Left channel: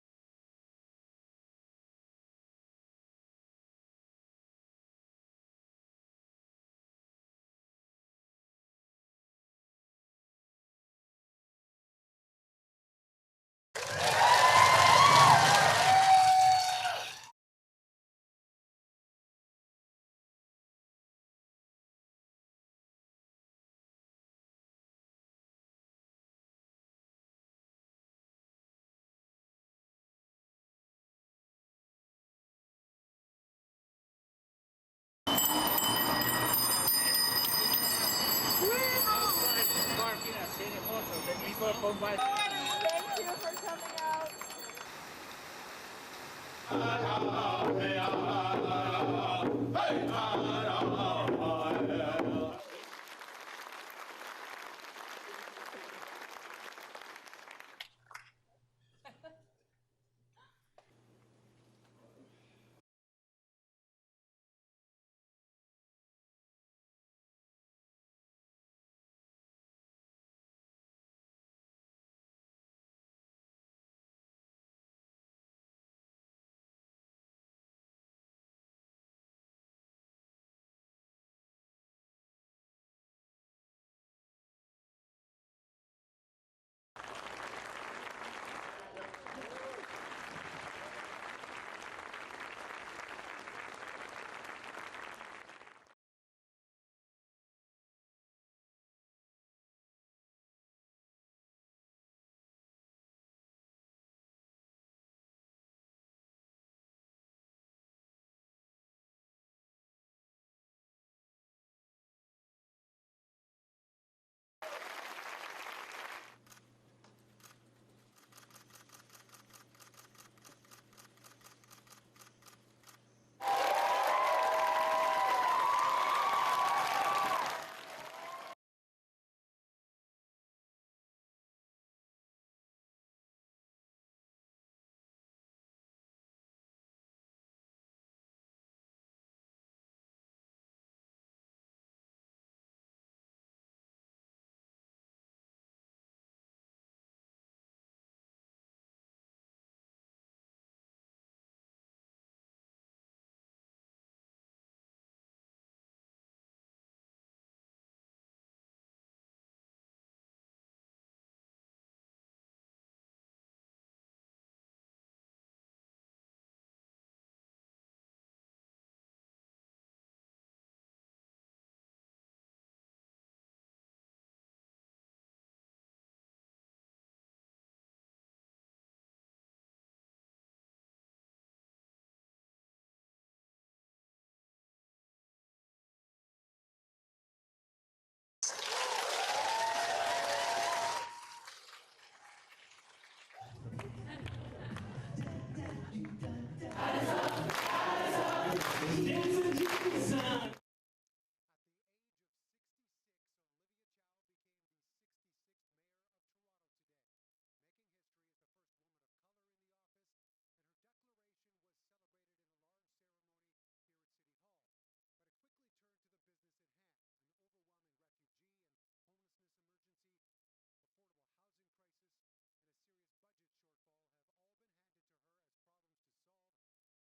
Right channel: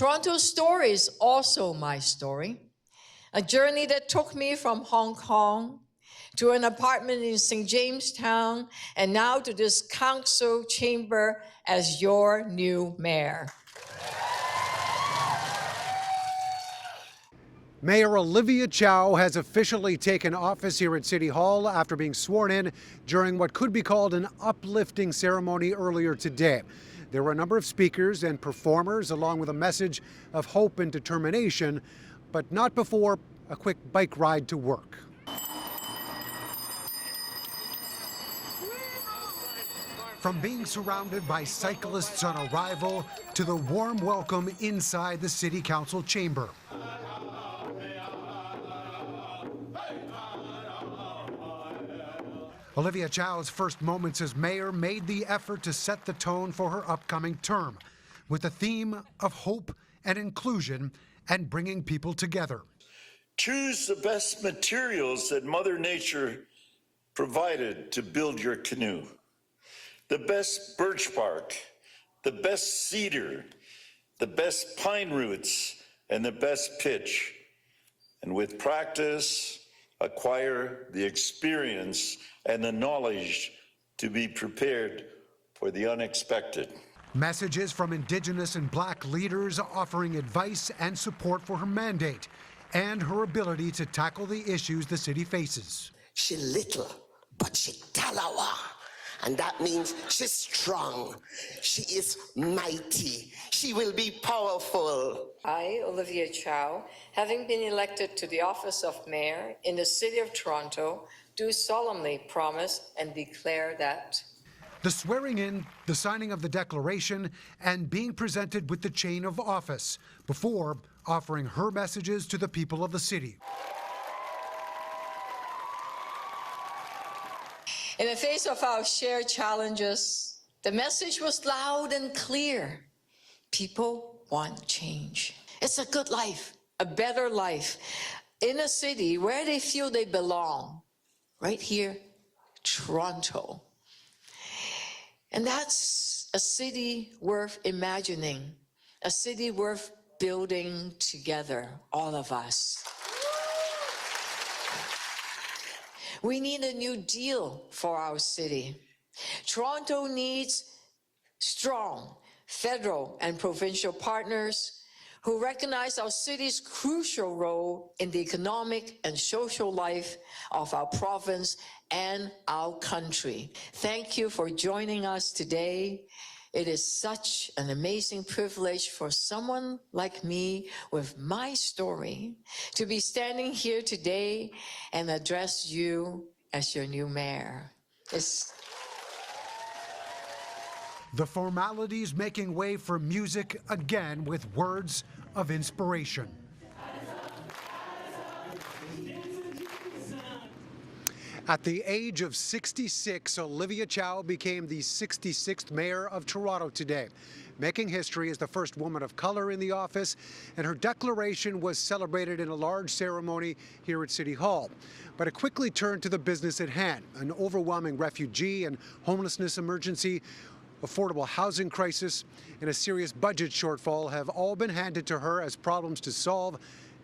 Toronto's story is also my story. A journey that took me from Hong Kong to an apartment in St. Jamestown, and now to this council chamber as your new mayor. Mayor Olivia Chow has officially taken office here at City Hall after being sworn in during what could be called an uplifting ceremony earlier today. There were a number of speakers and performers, along with a message of hope and determination, but not before a quick bike ride to work. From being surrounded by cyclists on arrival to the warm welcome inside the City Council chamber. Olivia Chow's first moments as mayor made the effort to set the tone for her upcoming term, with the theme of hope and inclusion and bringing people together. Choose the best materials that Mother Nature provided to build your canoe. The best birch bark, the best cedar, the best pine roots, and the best pitch. And with practice, acquire the experience and the knowledge to be prepared for the unexpected. Messages from Indigenous and Black leaders offering advice and support for her mandate and her ability to tackle the issues the city faces. She little, but she talawa. And that means she's strong. She is mighty. She will be powerful. I, Olivia Chow, having been elected to the office of mayor in the city of Toronto, do solemnly promise and declare that the swearing in, the signing of the declaration, and being presented with the chain of office before offering her messages to the people of the city. in the face of our shared challenges, the message was loud and clear. People want change. It's a good life, a better life, in a city where they feel they belong. Right here, Toronto. And that's a city worth imagining, a city worth building together, all of us. We need a new deal for our city. Toronto needs strong federal and provincial partners who recognize our city's crucial role in the economic and social life of our province and our country. Thank you for joining us today. It is such an amazing privilege for someone like me with my story to be standing here today and address you as your new mayor. The formalities making way for music again with words of inspiration. At the age of 66, Olivia Chow became the 66th mayor of Toronto today, making history as the first woman of color in the office, and her declaration was celebrated in a large ceremony here at City Hall. But it quickly turned to the business at hand. An overwhelming refugee and homelessness emergency, affordable housing crisis, and a serious budget shortfall have all been handed to her as problems to solve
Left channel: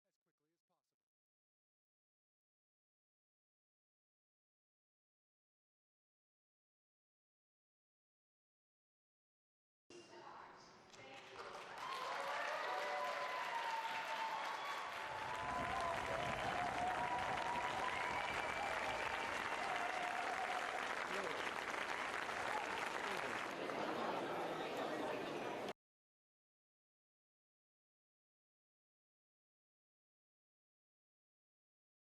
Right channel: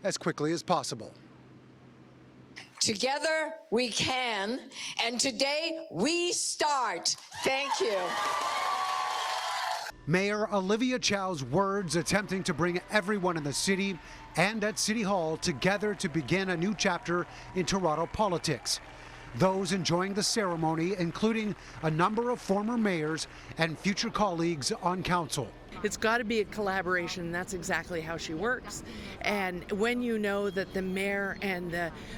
as quickly as possible. Together we can, and today we start. Thank you. Mayor Olivia Chow's words attempting to bring everyone in the city and at City Hall together to begin a new chapter in Toronto politics. Those enjoying the ceremony, including a number of former mayors and future colleagues on council. It's got to be a collaboration, and that's exactly how she works. And when you know that the mayor and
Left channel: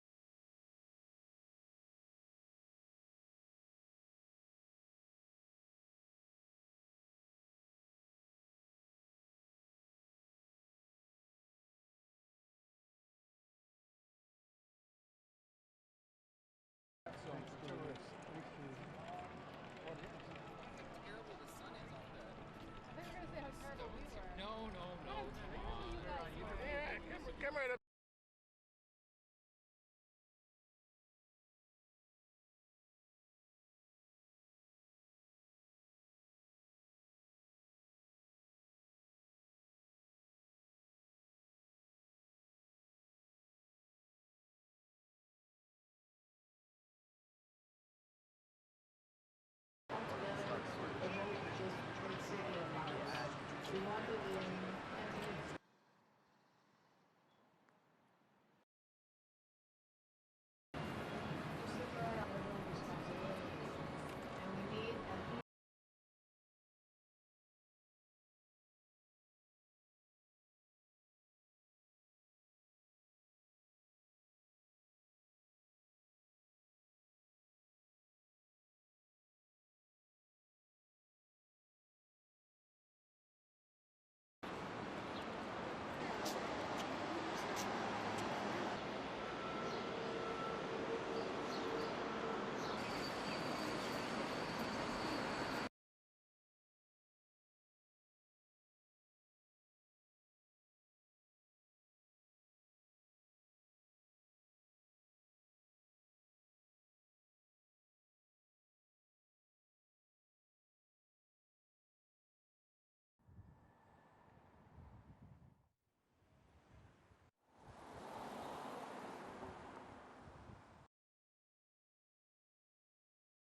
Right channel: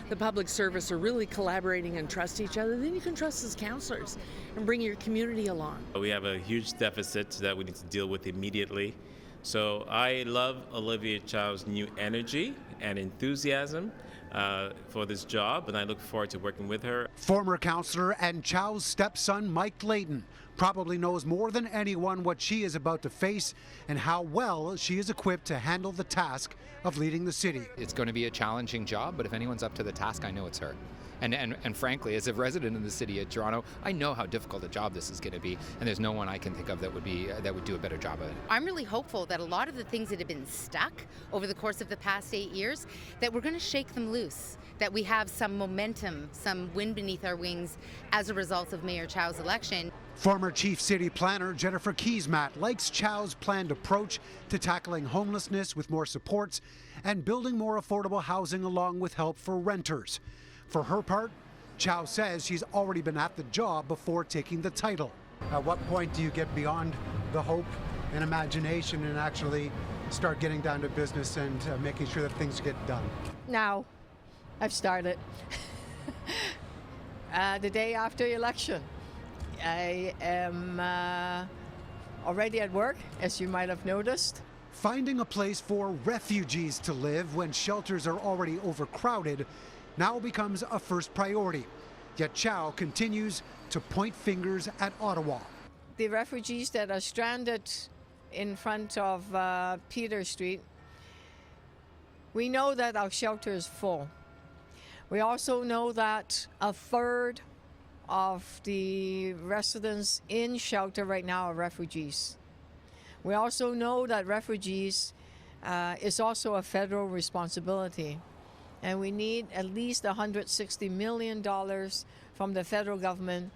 the public service are really collaborating and trust each other, then you can trust as councillors and bring your community along. We have a huge deficit that we need to deal with immediately. So I love Olivia Chow's new energy and enthusiasm for this job, and I look forward to working with her. Former councillor and Chow's stepson, Mike Layton, probably knows more than anyone what she is about to face and how well she is equipped to handle the task of leading the city. It's going to be a challenging job, but if anyone's up to the task, I know it's her. And frankly, as a resident in the city of Toronto, I know how difficult a job this is going to be, and there's no one I can think of that would do a better job of it. I'm really hopeful that a lot of the things that have been stuck over the course of the past 8 years, that we're going to shake them loose, that we have some momentum, some wind beneath our wings as a result of Mayor Chow's election. Former Chief City Planner Jennifer Keesmaat likes Chow's planned approach to tackling homelessness with more supports and building more affordable housing along with help for renters. For her part, Chow says she's already been at the job before taking the title. At what point do you get beyond the hope and imagination and actually start getting down to business and making sure that things get done? Now, I've started. The day after election, I am already at work, as you might have noticed. Finding a place for refugees to live when shelters are already overcrowded now becomes a first priority. Yet Chow continues to point fingers at Ottawa. The refugees that are stranded in front of Peter Street, we know that our shelter is full. We also know that a third of the residents in shelter right now are refugees. We also know that refugees is also a federal responsibility, and we need at least $160 million from the federal government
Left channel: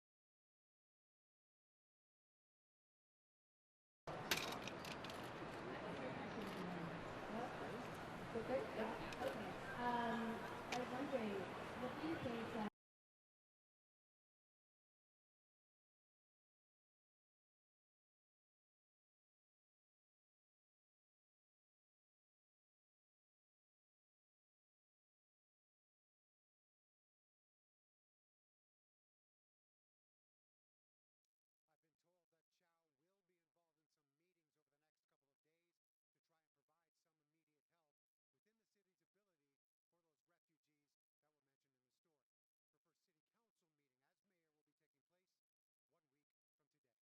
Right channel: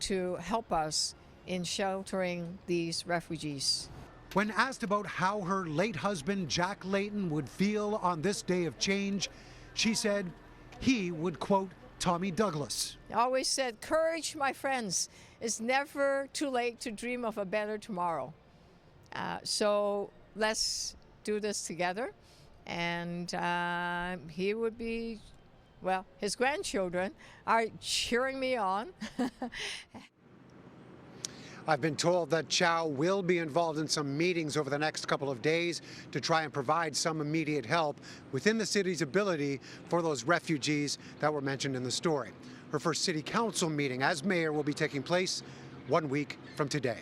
to help us in sheltering these refugees. When asked about how her late husband, Jack Layton, would feel on this day of change, she said he would quote Tommy Douglas. I always said, courage, my friends. It's never too late to dream of a better tomorrow. So let's do this together. And he would be, well, his grandchildren are cheering me on. I've been told that Chow will be involved in some meetings over the next couple of days to try and provide some immediate help within the city's ability for those refugees that were mentioned in the story. Her first city council meeting as mayor will be taking place 1 week from today.